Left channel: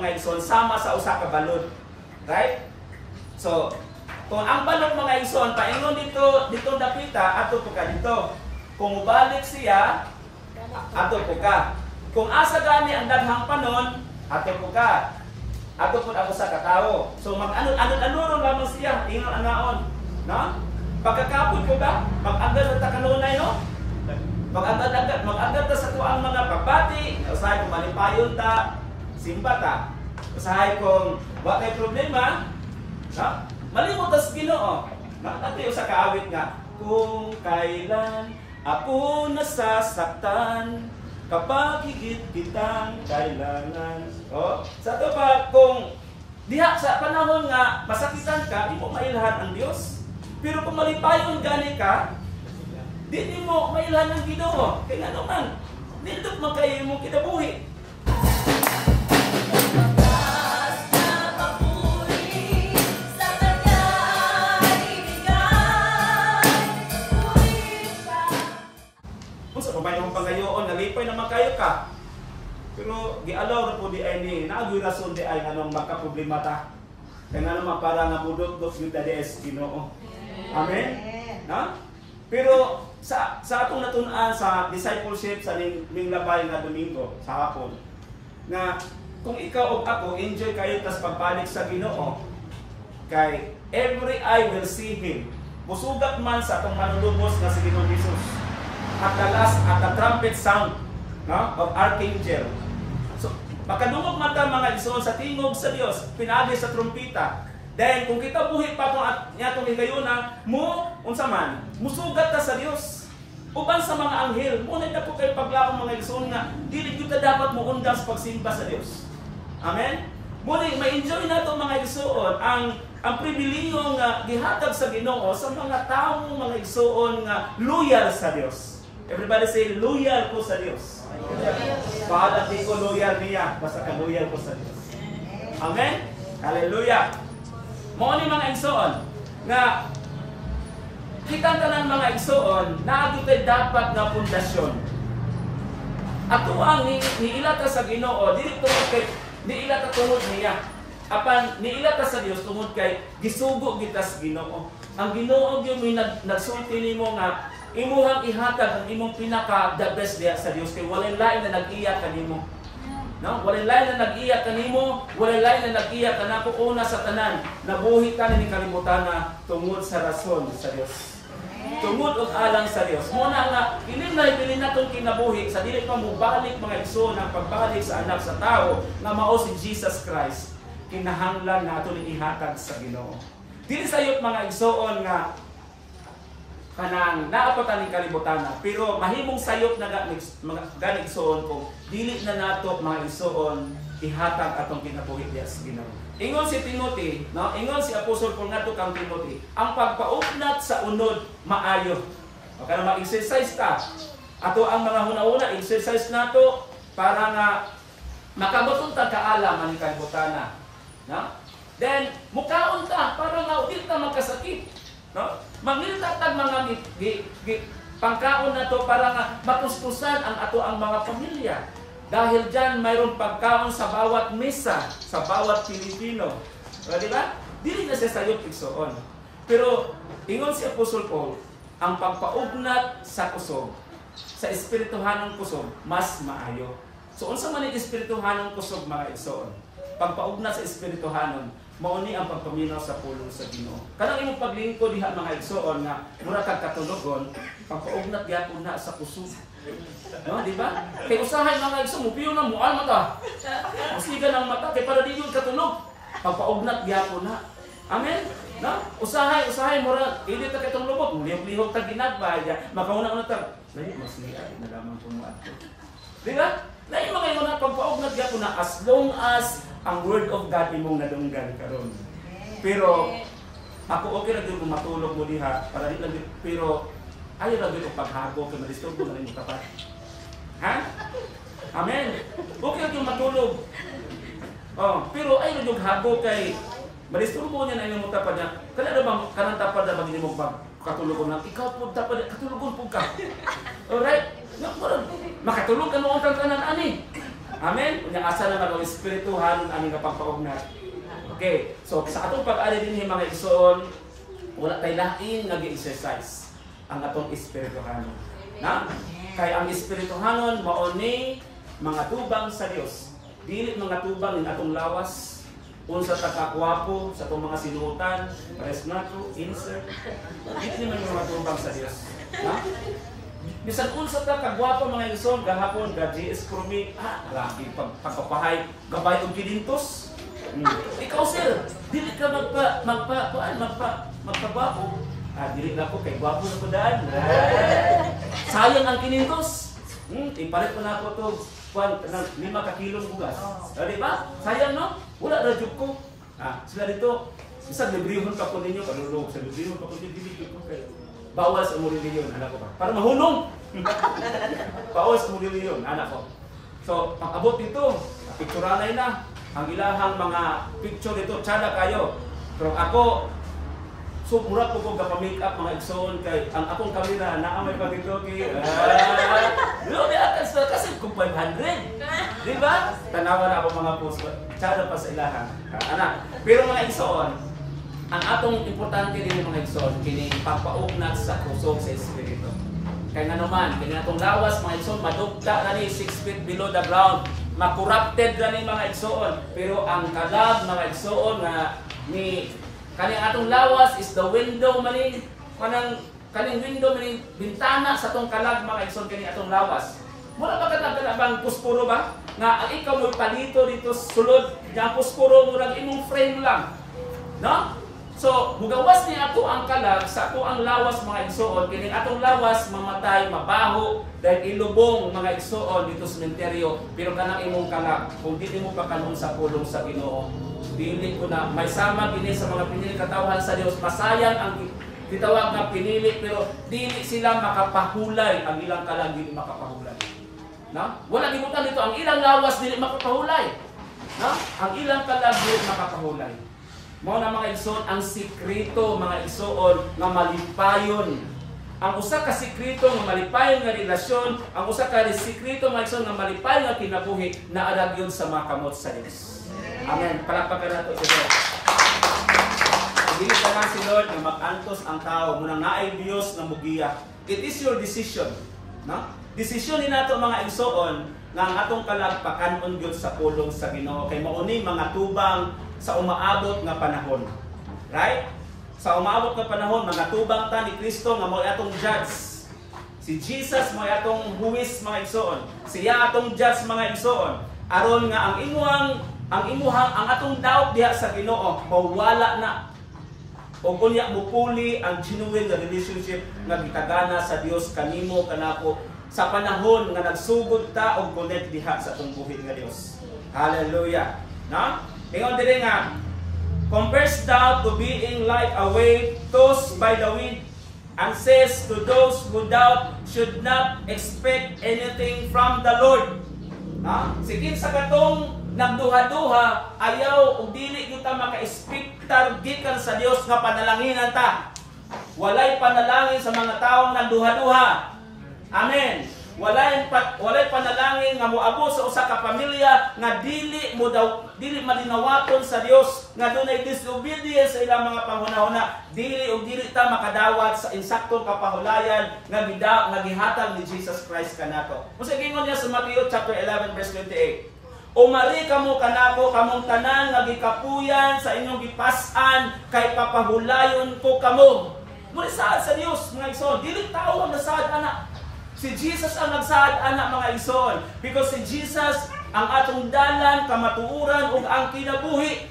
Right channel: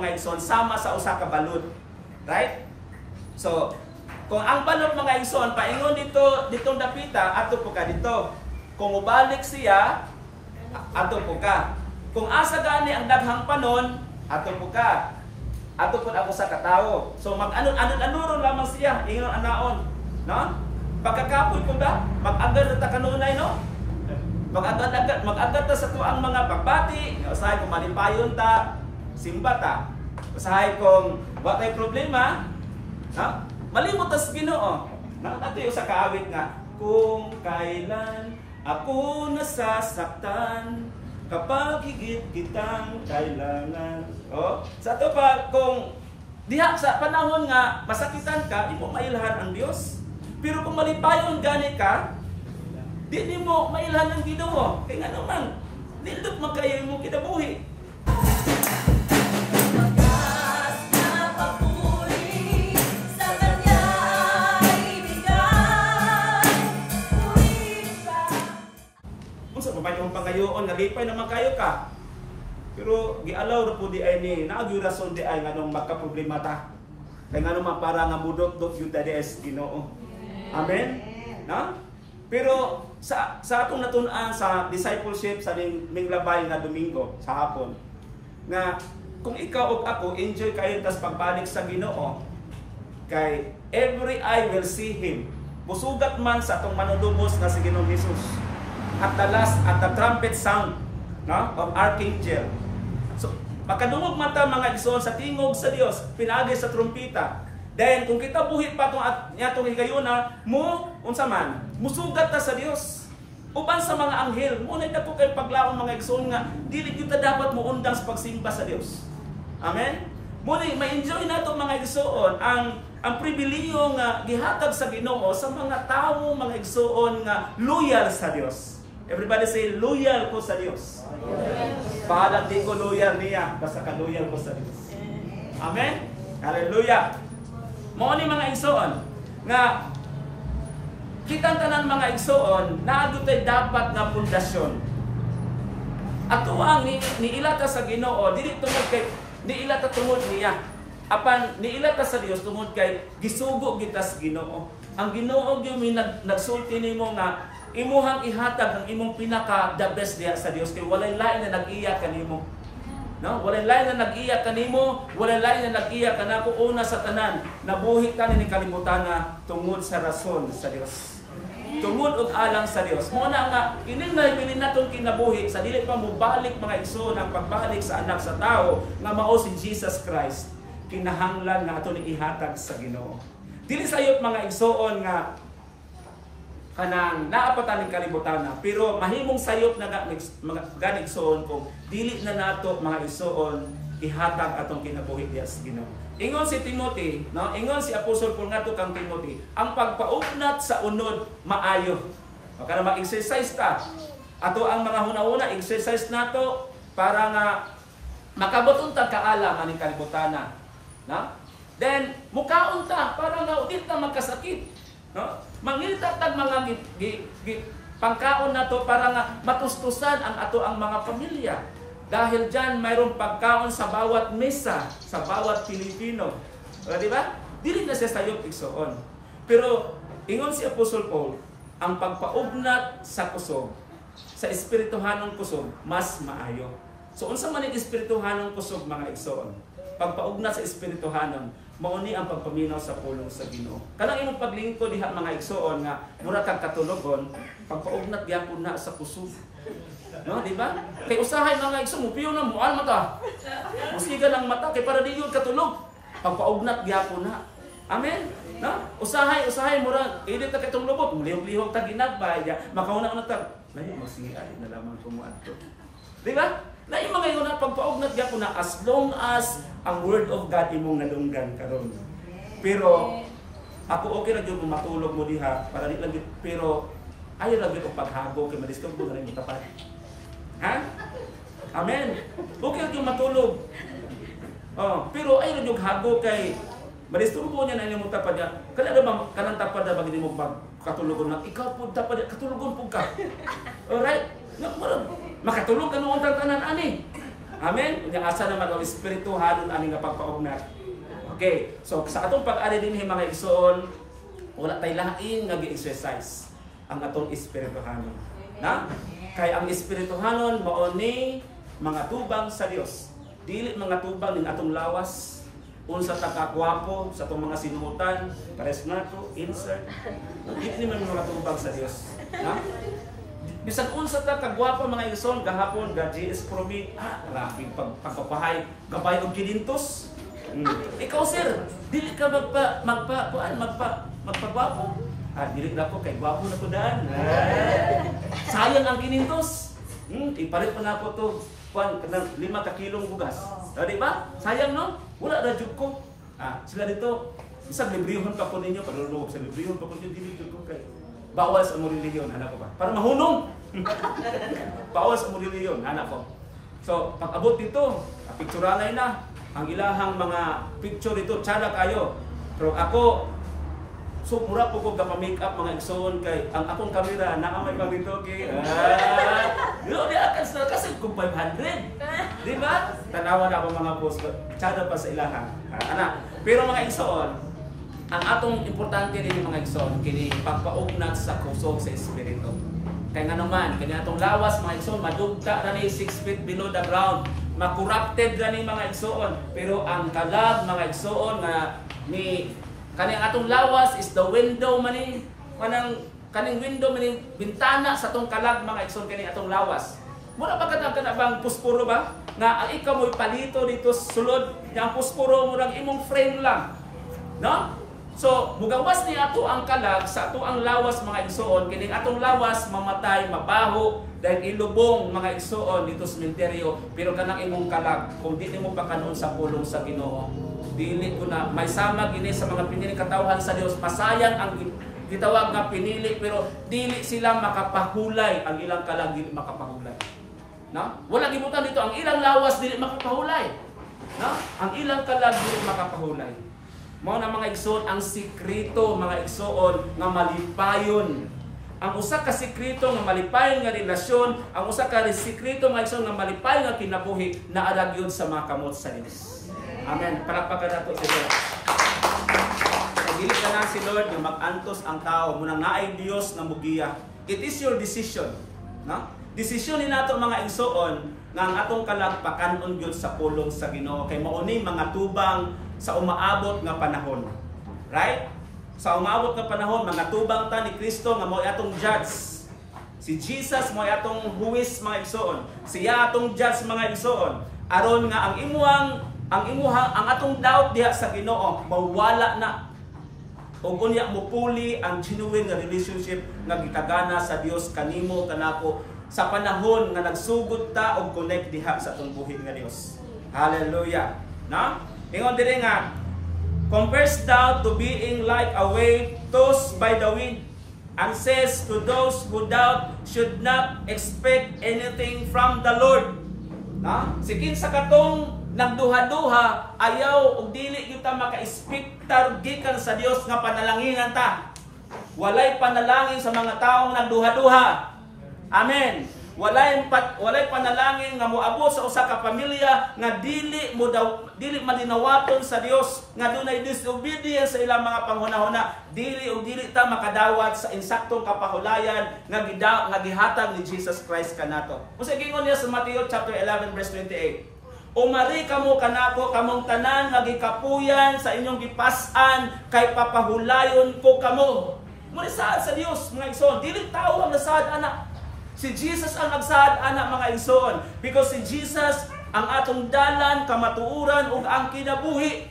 mga igsoon sama sa usa ka balod. Right? So, kung ang balod mga igsoon paingon ditong dapita, ato po ka dito. Kung mubalik siya, ato po ka. Kung asa gani ang daghang panon, ato po ka. Ato po ako sa katawo. So mag-anon-anon lamang siya, ingon anaon, no? Pagkakapoy po ba? Mag-agad na ta kanunay, no? Mag-agad ta sa tuang mga pagbati, usahay kung malimpayon ta, simba ta. Usahay kung wa may problema, no? Malimot tas Ginoo. No? Nato sa kaawit nga, kung kailan ako nasasaktan, kapag higit kitang kailangan. Oh, sa to pa kung diha sa panahon nga masakitan ka, di mo mailhan ang Dios. Pero kung malipayon gani ka, di mo mailhan ang Ginoo. Kay nga naman, nindot man kayo imong kinabuhi. May yung pangayoon, nalipay naman kayo ka. Pero gialaw na po di ay ni, naagyo rason di ay nganong magka-problema ta. Kaya nga naman para nga budot-dot yung dades Ginoo. Amen? No? Pero sa atong natunan sa discipleship sa ning labay nga Domingo, sa hapon, nga kung ikaw o ako, enjoy kayo tas pagbalik sa Ginoo, kay every eye will see Him. Busugat man sa atong manulubos na si Ginoong Jesus. At the trumpet sound, no, of archangel. So, makadungog mata mga igsoon sa tingog sa Dios, pinagi sa trumpeta. Then kung kita buhi pa itong higayuna, unsa man, musugat ta sa Dios. Uban sa mga anghel, muna ito po kayo paglaong mga igsoon nga, dili kita dapat mo undang sa pagsimba sa Dios. Amen? Muna, ma-enjoy na itong mga igsoon ang pribiliyo nga gihatag sa Ginoo sa mga taong mga igsoon nga loyal sa Dios. Everybody say, loyal ko sa Diyos. Bahal di ko loyal niya, basta ka loyal ko sa Diyos. Amen? Hallelujah! Mao ni mga igsoon, nga kitang tanan mga igsoon, naadutay dapat nga pundasyon. Ato ang niilata sa Ginoo, dili tungod kay niilata tungod niya. Apan niilata sa Dios tungod kay gisugo kita sa Ginoo. Ang Ginoo gyud may nagsulti nimo nga imuhang ihatag ang imong pinaka the best diha sa Dios kay walay lain na nag-iya kanimo. No? Walay lain na nag-iya kanimo, walay lain na nag-iya kanako una sa tanan. Nabuhi ta ni kalibutan na tungod sa rason sa Dios. Tungod og alang sa Dios. Mo na nga kini na ibili natong kinabuhi sa dili pa mo balik mga igsoon ang pagbalik sa anak sa tao nga mao si Jesus Christ. Kinahanglan nga ato ni ihatag sa Ginoo. Dili sayop mga igsoon nga kanang naapatan ning kalibutan na, pero mahimong sayop na ganig igsoon kung dili na nato mga igsoon ihatag atong kinabuhi diha sa Ginoo. Ingon si Timothy, no? Ingon si Apostol Paul ngadto kang Timothy, ang pagpaugnat sa unod maayo. O kana mag-exercise ta. Ato ang mga hunahuna exercise nato para nga makabuton ta kaalam aning kalibutan na. No? Then mukaon ta para nga udit ta magkasakit, no? Mangiltatag mga pangkaon na to para nga matustusan ang ato ang mga pamilya. Dahil dyan mayroong pagkaon sa bawat mesa, sa bawat Pilipino. O, di ba? Dili na siya sayop igsoon. Pero ingon si Apostol Paul, ang pagpaugnat sa kusog, sa espirituhanong kusog, mas maayo. So unsa man ang espirituhanong kusog mga igsoon? Pagpaugnat sa espirituhanon, mauni ang pagpaminaw sa pulong sa Ginoo. Kanang imong paglingkod diha mga igsoon nga mura kag katulogon, pagpaugnat gyapon na sa kusog. No, di ba? Kay usahay mga igsoon, mupiyo na mual mata. Musigan ang mata kay para di yun katulog. Pagpaugnat gyapon na. Amen. No? Usahay mura idi ta katong lubot, mulihok ta ginagbay, makauna-una ta. Layo magsiya na lamang tumuadto. Di ba? Na yung mga yun pagpaugnat gyapon na as long as ang word of God imong nadunggan karon. Pero ako okay ra gyud matulog mo diha para di lang pero ayo ra gyud og paghago kay madisturbo na rin mo tapat. Ha? Amen. Okay ra gyud matulog. Oh, pero ayo ra gyud hago kay madisturbo niya na imong tapat niya. Kana ra bang kanang tapat ra bang imong katulugon lang ikaw pud tapat katulugon pud ka. Alright? Makatulog ka noon tanan ani. Amen. Unya asa naman ang espirituhanon ani nga pagpaugnat. Okay. So sa atong pag-ari dinhi mga igsoon, wala tay lain nga gi-exercise ang atong espirituhanon. Na? Kay ang espirituhanon mao ni mga tubang sa Dios. Dili mga tubang ning atong lawas, unsa ta kakwapo sa atong mga sinuotan, pares nako, insert. Dili man mga tubang sa Dios. Na? Bisan unsa ta kagwapa mga igsoon gahapon ga GS Promi, grabe pagpapahay gabay og kinintos. Ikaw sir, dili ka magpagwapo. Dili na ko kay gwapo na ko daan. Sayang ang kinintos. Ipalit pa na ako to kanang 5 ka kilong bugas. Di ba? Sayang no? Wala ra jud ko. Sila dito isang librehon pa ko ninyo, kalulog sa librehon pa ko ninyo, dili jud ko kay bawal sa mo reliyon, anak ko ba? Para mahulong. Bawal sa mo reliyon, anak ko. So, pag-abot dito, picturanay na ang ilahang mga picture dito, tsada kayo. Pero ako, so mura po ko ka-make up mga igsoon kay ang akong kamera na may pagitoki. Di akan sa kasi kung 500. Di ba? Tanawa na ako mga post. Tsada pa sa ilahang. Pero mga igsoon, ang atong importante din mga igsoon, kini pagpaugnat sa kusog sa espiritu. Kaya nga naman, kini atong lawas mga igsoon, madugta ra ni 6 feet below the ground. Makorrupted ra ni mga igsoon. Pero ang kalag mga igsoon nga ni kaning atong lawas is the window mani kaning window mani bintana sa atong kalag mga igsoon kining atong lawas. Mura ba kana bang puspuro ba? Nga ang ikaw mo'y palito dito sulod, yang puspuro murag imong frame lang. No? So, mugawas ni ato ang kalag sa ato ang lawas mga igsoon, kining atong lawas mamatay, mabaho, dahil ilubong mga igsoon dito sa sementeryo, pero kanang imong kalag, kung di mo pa kanon sa pulong sa Ginoo, dili ko na, may sama gini sa mga pinili katawhan sa Dios, masayang ang gitawag nga pinili, pero dili sila makapahulay, ang ilang kalag dili makapahulay. No? Wala gibutan dito, ang ilang lawas dili makapahulay. No? Ang ilang kalag dili makapahulay. Mao na mga igsoon ang sikreto mga igsoon nga malipayon. Ang usa ka sikreto nga malipayon nga relasyon, ang usa ka sikreto mga igsoon nga malipayon nga kinabuhi na aragyon sa mga kamot sa Dios. Amen. Palakpakan nato si Lord. Dili ka na si Lord nga mag-antos ang tao munang naay Dios nga mugiya. It is your decision, no? Desisyon ni nato mga igsoon nga ang atong kalag pakanon gyud sa pulong sa Ginoo kay mao ni mga tubang sa umaabot nga panahon. Right? Sa umaabot nga panahon, mga tubang ta ni Kristo nga mao atong judge. Si Jesus mao atong huwis mga igsoon. Siya atong judge mga igsoon. Aron nga ang atong doubt diha sa Ginoo mawala na. O unya mupuli ang genuine nga relationship nga gitagana sa Dios kanimo kanako sa panahon nga nagsugod ta og connect diha sa atong buhi nga Dios. Hallelujah. Na? Ingon diri nga, compares doubt to being like a wave tossed by the wind, and says to those who doubt should not expect anything from the Lord. No? Sikin sa katong nagduha-duha, ayaw ug dili kita maka-expectar gikan sa Dios nga panalanginan ta. Walay panalangin sa mga taong nagduha-duha. Amen. Walay panalangin nga moabot sa usa ka pamilya nga dili malinawaton sa Dios nga dunay disobedience sa ilang mga panghunahuna, dili ta makadawat sa insaktong kapahulayan nga gihatag ni Jesus Christ kanato. Unsa gingon niya sa Mateo chapter 11 verse 28? Umari kamo kanako kamong tanan nga gikapuyan sa inyong gipas-an kay papahulayon ko kamo. Muna saad sa Dios mga igsoon, dili tao ang nasaad ana. Si Jesus ang nagsaad ana mga igsoon, because si Jesus ang atong dalan, kamatuuran ug ang kinabuhi.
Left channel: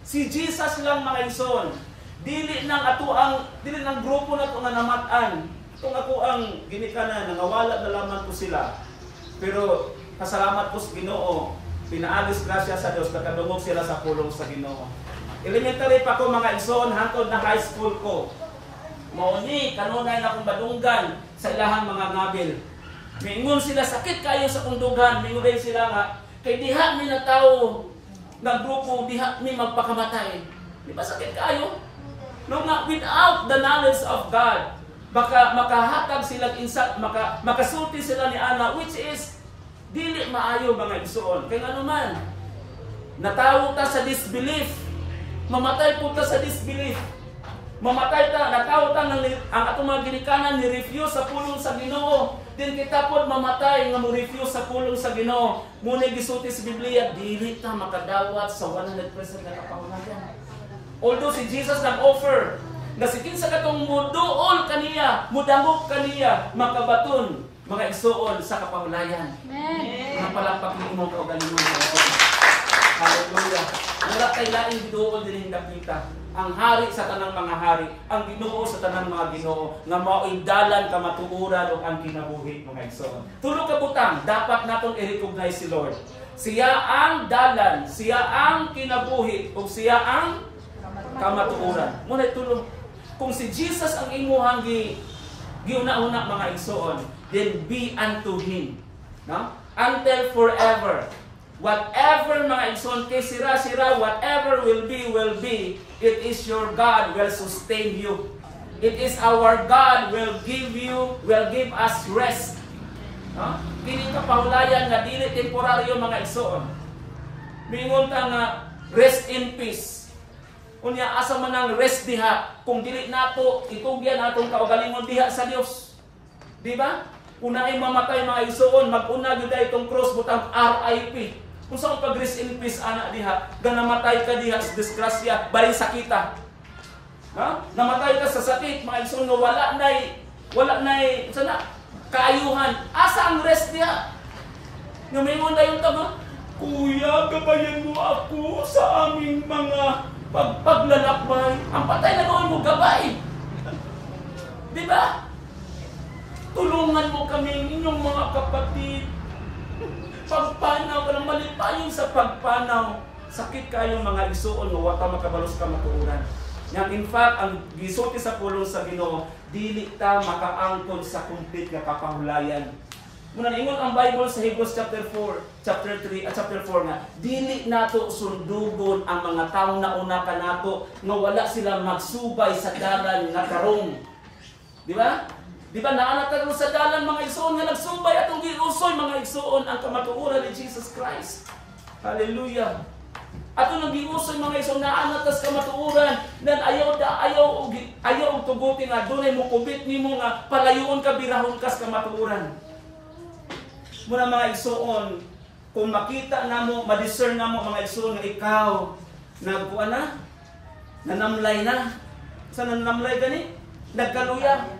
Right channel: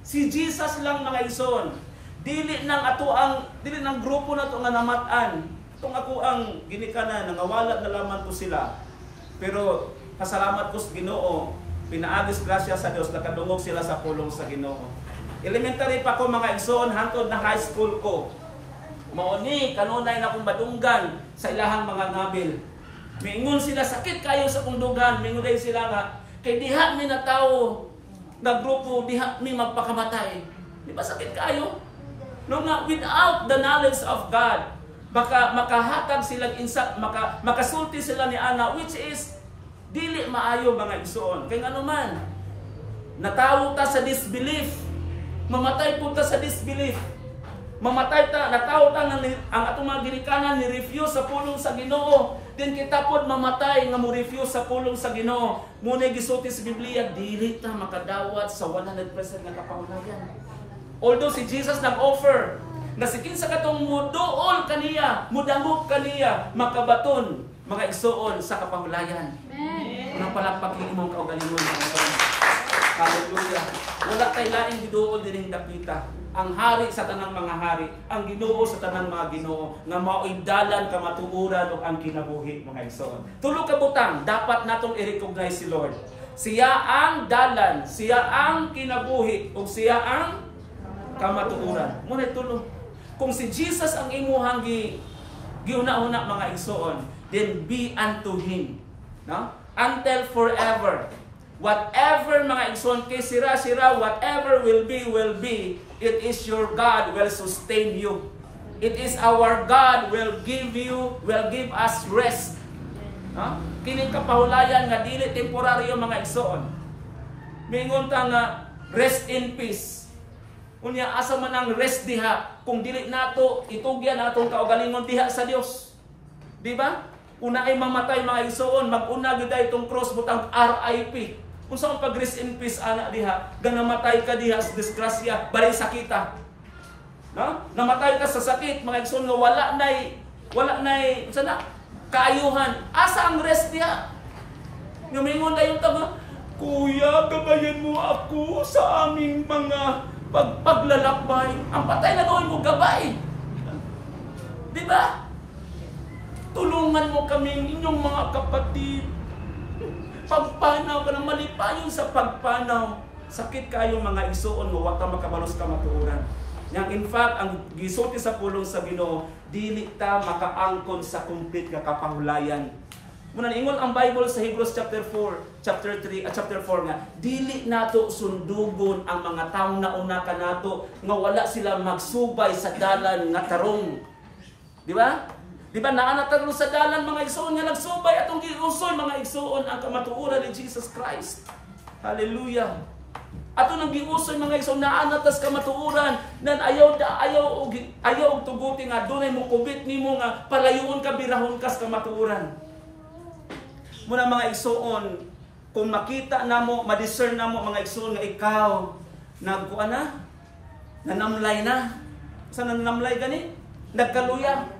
Si Jesus lang mga igsoon. Dili nang grupo na to nga namatan. Itong ako ang ginikanan nangawala na lamang ko sila. Pero pasalamat ko sa Ginoo, pinaagis grasya sa Dios nakadungog sila sa pulong sa Ginoo. Elementary pa ko mga igsoon hangtod na high school ko. Mauni kanunay na akong madunggan sa ilahang mga ngabil. Mingon sila sakit kayo sa kong dughan, mingon sila nga kay diha mi na tawo nga grupo diha mi magpakamatay. Di ba sakit kayo? No nga without the knowledge of God, baka makahatag sila insak, makasulti sila ni ana which is Dili maayo mga igsoon. Kay ngano man, natawo ta sa disbelief. Mamatay po ta sa disbelief. Mamatay ta, natawo ta ang atong mga ginikanan ni refuse sa pulong sa Ginoo. Din kita pod mamatay nga mo refuse sa pulong sa Ginoo. Muna gisulti sa Biblia, dili ta makadawat sa 100% nga kapahulagan. Although si Jesus nag-offer na si kinsa katong muduol kaniya, mudangop kaniya, makabaton mga igsoon sa kapahulayan. Ang palakpak ni imong kaugalingon mga igsoon. Hallelujah. Wala kay laing giduol dinhi dapita. Ang hari sa tanang mga hari, ang Ginoo sa tanang mga Ginoo, nga mao'y dalan kamatuoran ug ang kinabuhi mga igsoon. Tulo ka butang dapat natong i-recognize si Lord. Siya ang dalan, siya ang kinabuhi ug siya ang kamatuoran. Muna tulo. Kung si Jesus ang imuhang giuna-una mga igsoon, then be unto him, no? Until forever. Whatever mga igsoon kay sira-sira, whatever will be, it is your God will sustain you. It is our God will give us rest. No? Kining kapahulayan nga dili temporaryo mga igsoon. Mingon ta nga rest in peace. Unya asa man ang rest diha kung dili nato itugyan atong kaugalingon diha sa Dios. Di ba? Kung naay mamatay mga igsoon, mag-una gyud itong cross butang RIP. Kung saan pag-rest in peace ana diha, ga namatay ka diha sa disgrasya, bali sakita. No? Namatay ka sa sakit, mga igsoon nga wala nay sana kaayuhan. Asa ang rest diha? Nga mingon dayon ta nga, Kuya, gabayan mo ako sa aming mga paglalakbay. Ang patay na gawin mo gabay. Di ba? Tulungan mo kami inyong mga kapatid. Pagpanaw ka na malipayon sa pagpanaw. Sakit kayong mga igsoon mo, wata makabalos ka matuuran. Yang in fact, ang gisulti sa pulong sa Ginoo, dili ta makaangkon sa complete nga kapahulayan. Muna ingon ang Bible sa Hebrews chapter 3 at chapter 4 nga, dili nato sundugon ang mga tawo na una kanato nga wala sila magsubay sa dalan nga tarong. Di ba? Di ba naanataro sa dalan mga igsoon nga nagsubay atong giusoy mga igsoon ang kamatuoran ni Jesus Christ. Hallelujah. Ato nang giusoy mga igsoon naanatas kamatuoran nan ayaw og tuguti nga dunay mo kubit nimo nga palayoon ka birahon kas kamatuoran. Muna mga igsoon, kung makita namo, ma-discern namo mga igsoon nga ikaw nagkuan na, nanamlay na. Sa nanamlay gani? Nagkaluya.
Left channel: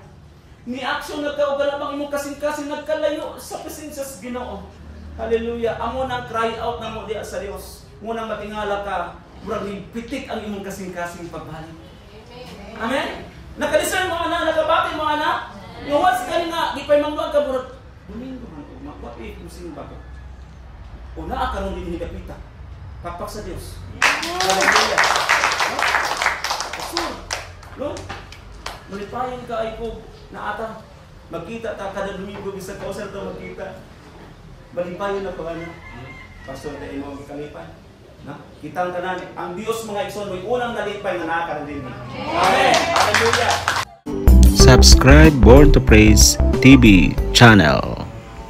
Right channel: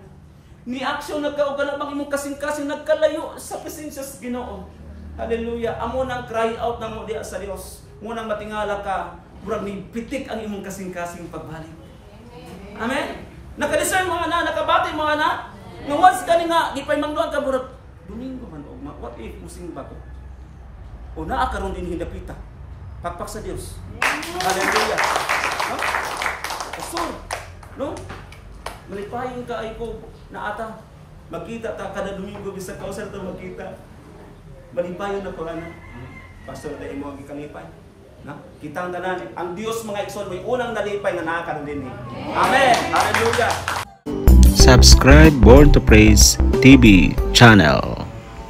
Ni aksyon nagkaugan ang imong kasing-kasing nagkalayo sa presensya sa Ginoo. Hallelujah. Amo nang cry out namo diha sa Dios. Munang matingala ka, murag ni pitik ang imong kasing-kasing pagbalik. Amen. Naka-discern mo ana, nakabati mo ana. Nga once kani nga gipaymanduan ka murag Domingo man og what if musing bago. Una karon din hindapita. Pakpak sa Dios. Hallelujah. Kasul. No? Malipayon ka ay ko na ata magkita ta kada Domingo bisag kausan ta magkita. Malipayon na ko ano. Pastor dai mo gikalipay. Na? Kitang tanan ang Dios mga igsoon may unang nalipay nga naa karon din. Amen. Hallelujah. Subscribe Born to Praise TV channel.